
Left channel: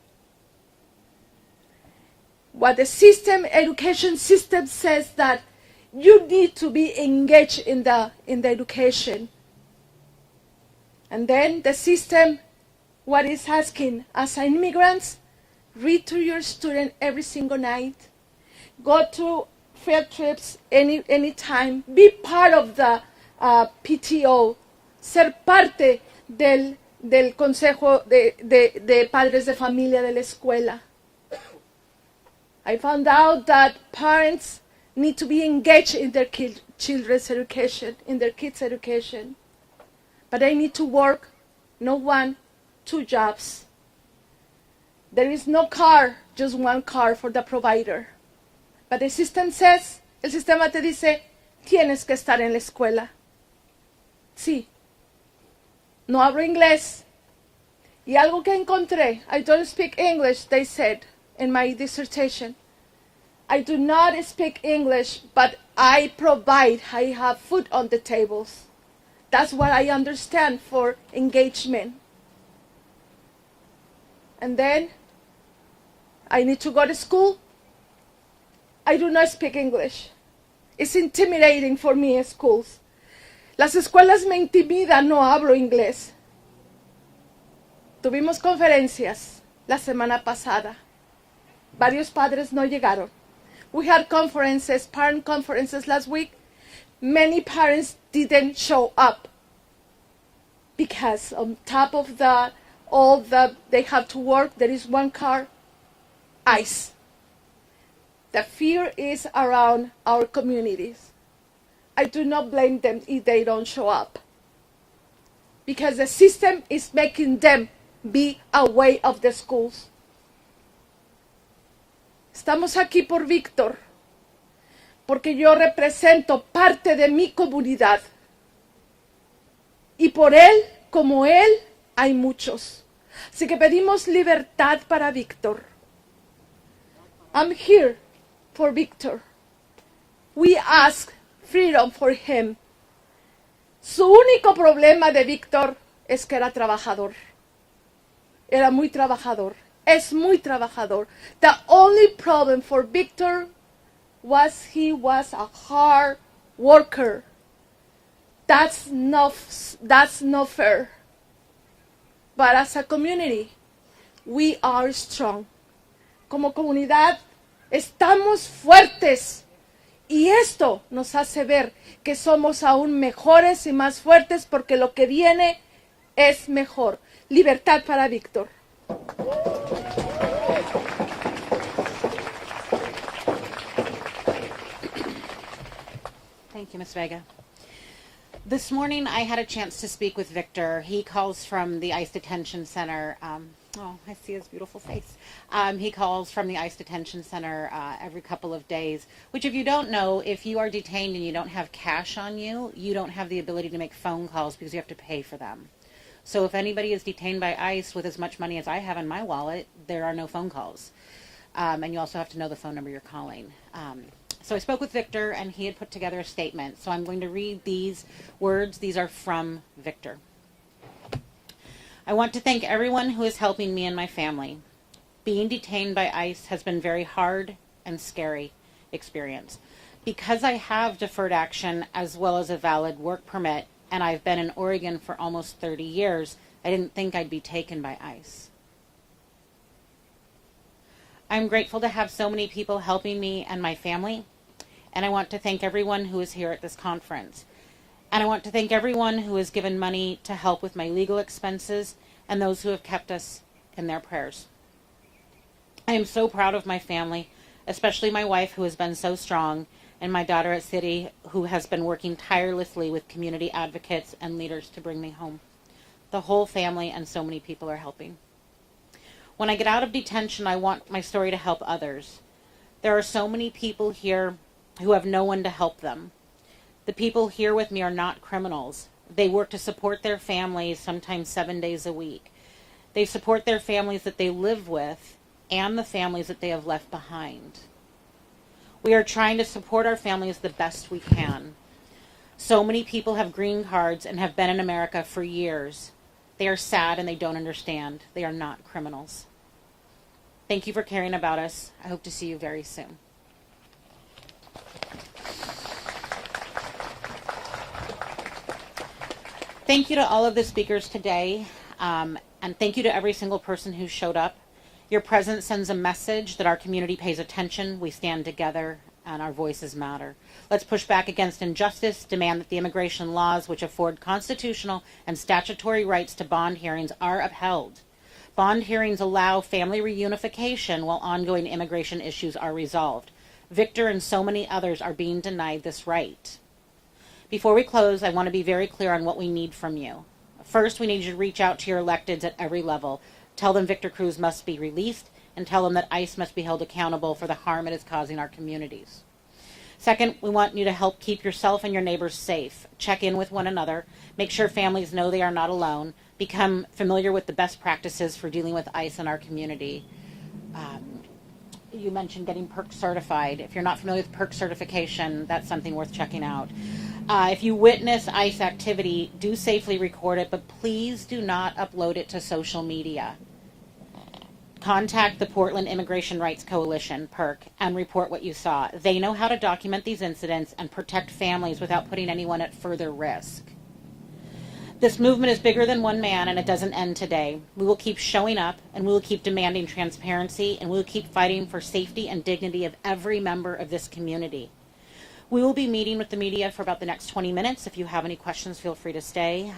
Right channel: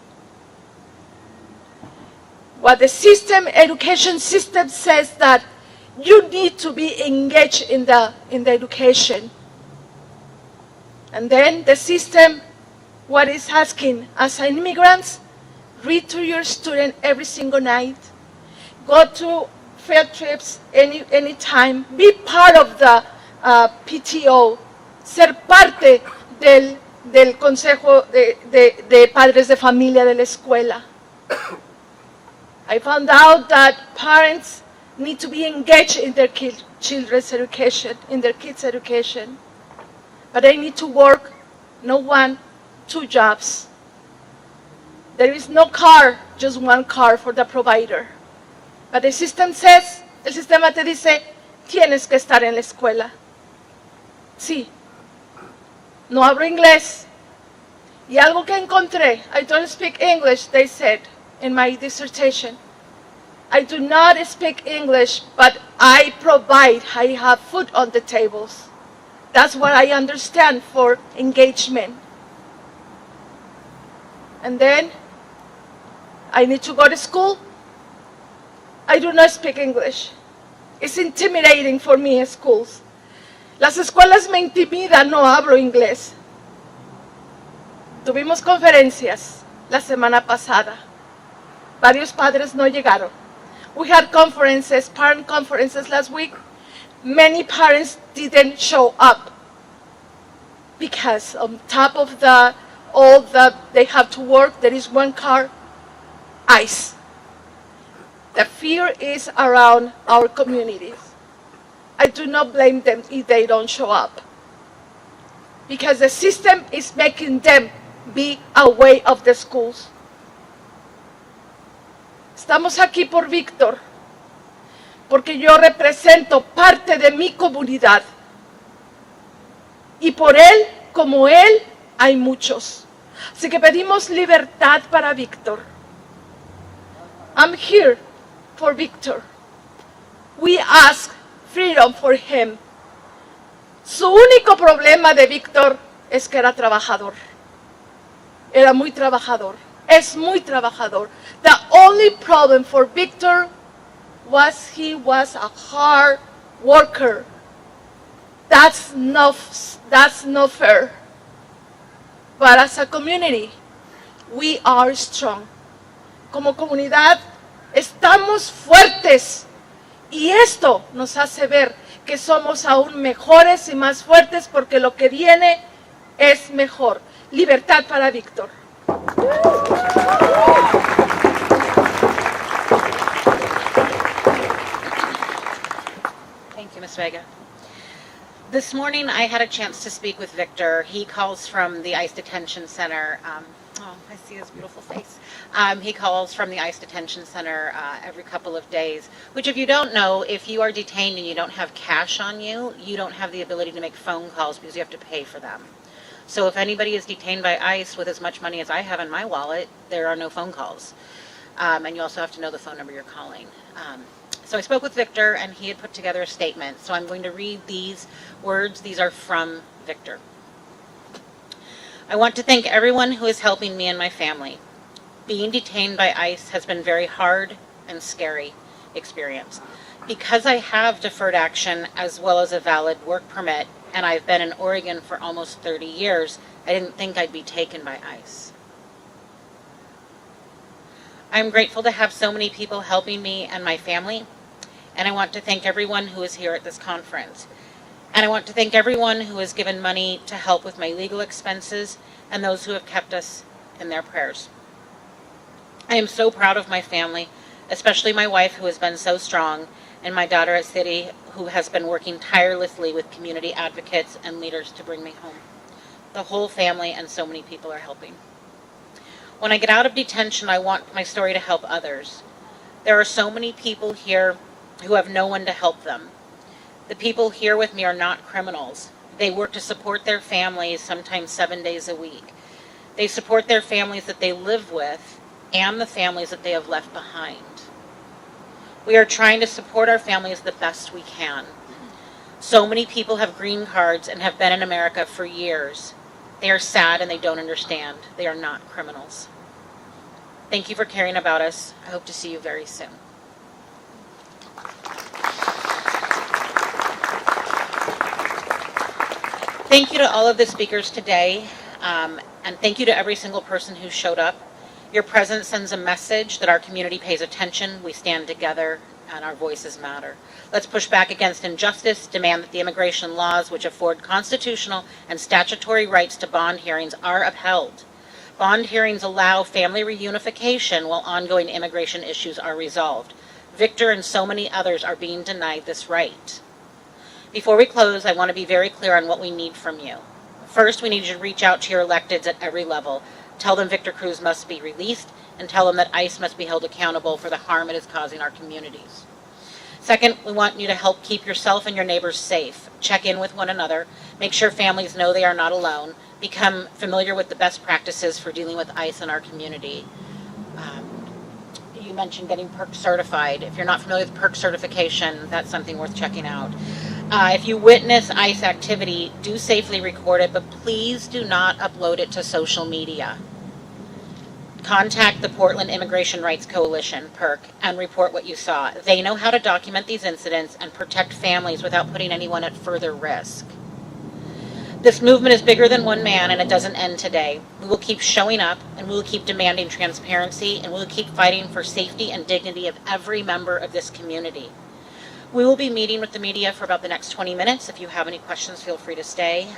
What the education system says that you need to be engaged in the education. And then the system, what is asking as an immigrants, read to your student every single night, go to field trips anytime, be part of the PTO, ser parte del consejo de padres de familia de la escuela. I found out that parents need to be engaged in their children's education, in their kids' education. But they need to work, no 1, 2 jobs. There is no car, just 1 car for the provider. But the system says, el sistema te dice, tienes que estar en la escuela. Sí. No hablo inglés. Y algo que encontré, I don't speak English, they said in my dissertation. I do not speak English, but I have food on the tables. That's what I understand for engagement. And then I need to go to school. I do not speak English. It's intimidating for me in schools. Las escuelas me intimidan, no hablo inglés. Tuvimos conferencias la semana pasada. Varios padres no llegaron. We had conferences, parent conferences last week. Many parents didn't show up because on top of all that they have to work, there is one car, ICE. The fear is around our communities. I do not blame them if they don't show up, because the system is making them be away of the schools. Estamos aquí por Víctor, porque yo represento parte de mi comunidad. Y por él, como él, hay muchos. Así que pedimos libertad para Víctor. I'm here for Víctor. We ask freedom for him. Su único problema de Víctor es que era trabajador. Era muy trabajador. Es muy trabajador. The only problem for Víctor was he was a hard worker. That's not fair. But as a community, we are strong. Como comunidad, estamos fuertes. Y esto nos hace ver que somos aún mejores y más fuertes porque lo que viene es mejor. Libertad para Víctor. Thank you, Ms. Vega. This morning I had a chance to speak with Victor. He calls from the ICE Detention Center. I see his beautiful face. He calls from the ICE Detention Center every couple of days, which if you don't know, if you are detained and you don't have cash on you, you don't have the ability to make phone calls because you have to pay for them. So if anybody is detained by ICE with as much money as I have in my wallet, there are no phone calls. And you also have to know the phone number you're calling. So I spoke with Victor, and he had put together a statement. So I'm going to read these words. These are from Victor. I want to thank everyone who is helping me and my family. Being detained by ICE has been a very hard and scary experience. Because I have deferred action as well as a valid work permit, and I've been in Oregon for almost 30 years, I didn't think I'd be taken by ICE. I'm grateful to have so many people helping me and my family, and I want to thank everyone who is here at this conference. And I want to thank everyone who has given money to help with my legal expenses and those who have kept us in their prayers. I am so proud of my family, especially my wife who has been so strong, and my daughter at City who has been working tirelessly with community advocates and leaders to bring me home. The whole family and so many people are helping. When I get out of detention, I want my story to help others. There are so many people here who have no one to help them. The people here with me are not criminals. They work to support their families, sometimes 7 days a week. They support their families that they live with and the families that they have left behind. We are trying to support our families the best we can. So many people have green cards and have been in America for years. They are sad and they don't understand. They are not criminals. Thank you for caring about us. I hope to see you very soon. Thank you to all of the speakers today, and thank you to every single person who showed up. Your presence sends a message that our community pays attention, we stand together, and our voices matter. Let's push back against injustice, demand that the immigration laws which afford constitutional and statutory rights to bond hearings are upheld. Bond hearings allow family reunification while ongoing immigration issues are resolved. Victor and so many others are being denied this right. Before we close, I want to be very clear on what we need from you. First, we need you to reach out to your electeds at every level. Tell them Victor Cruz must be released, and tell them that ICE must be held accountable for the harm it is causing our communities. Second, we want you to help keep yourself and your neighbors safe. Check in with one another. Make sure families know they are not alone. Become familiar with the best practices for dealing with ICE in our community. You mentioned getting PERC certified. If you're not familiar with PERC certification, that's something worth checking out. If you witness ICE activity, do safely record it, but please do not upload it to social media. contact the Portland Immigration Rights Coalition, PIRC, and report what you saw. They know how to document these incidents and protect families without putting anyone at further risk. This movement is bigger than one man, and it doesn't end today. We will keep showing up, and we will keep demanding transparency, and we will keep fighting for safety and dignity of every member of this community. We will be meeting with the media for about the next 20 minutes. If you have any questions, feel free to stay.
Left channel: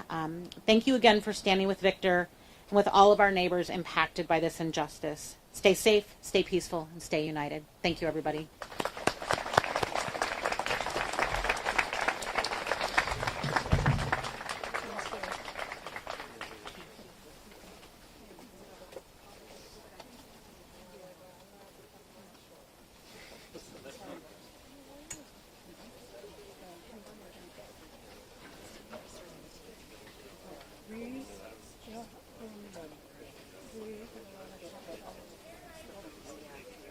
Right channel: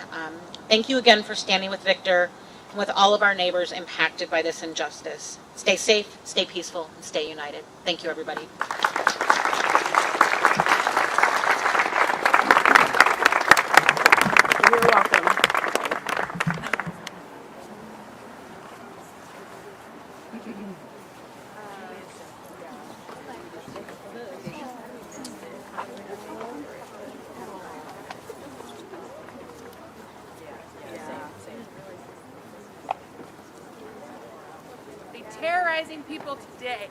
Thank you again for standing with Victor and with all of our neighbors impacted by this injustice. Stay safe, stay peaceful, and stay united. Thank you, everybody. You're welcome. Terrorizing people today.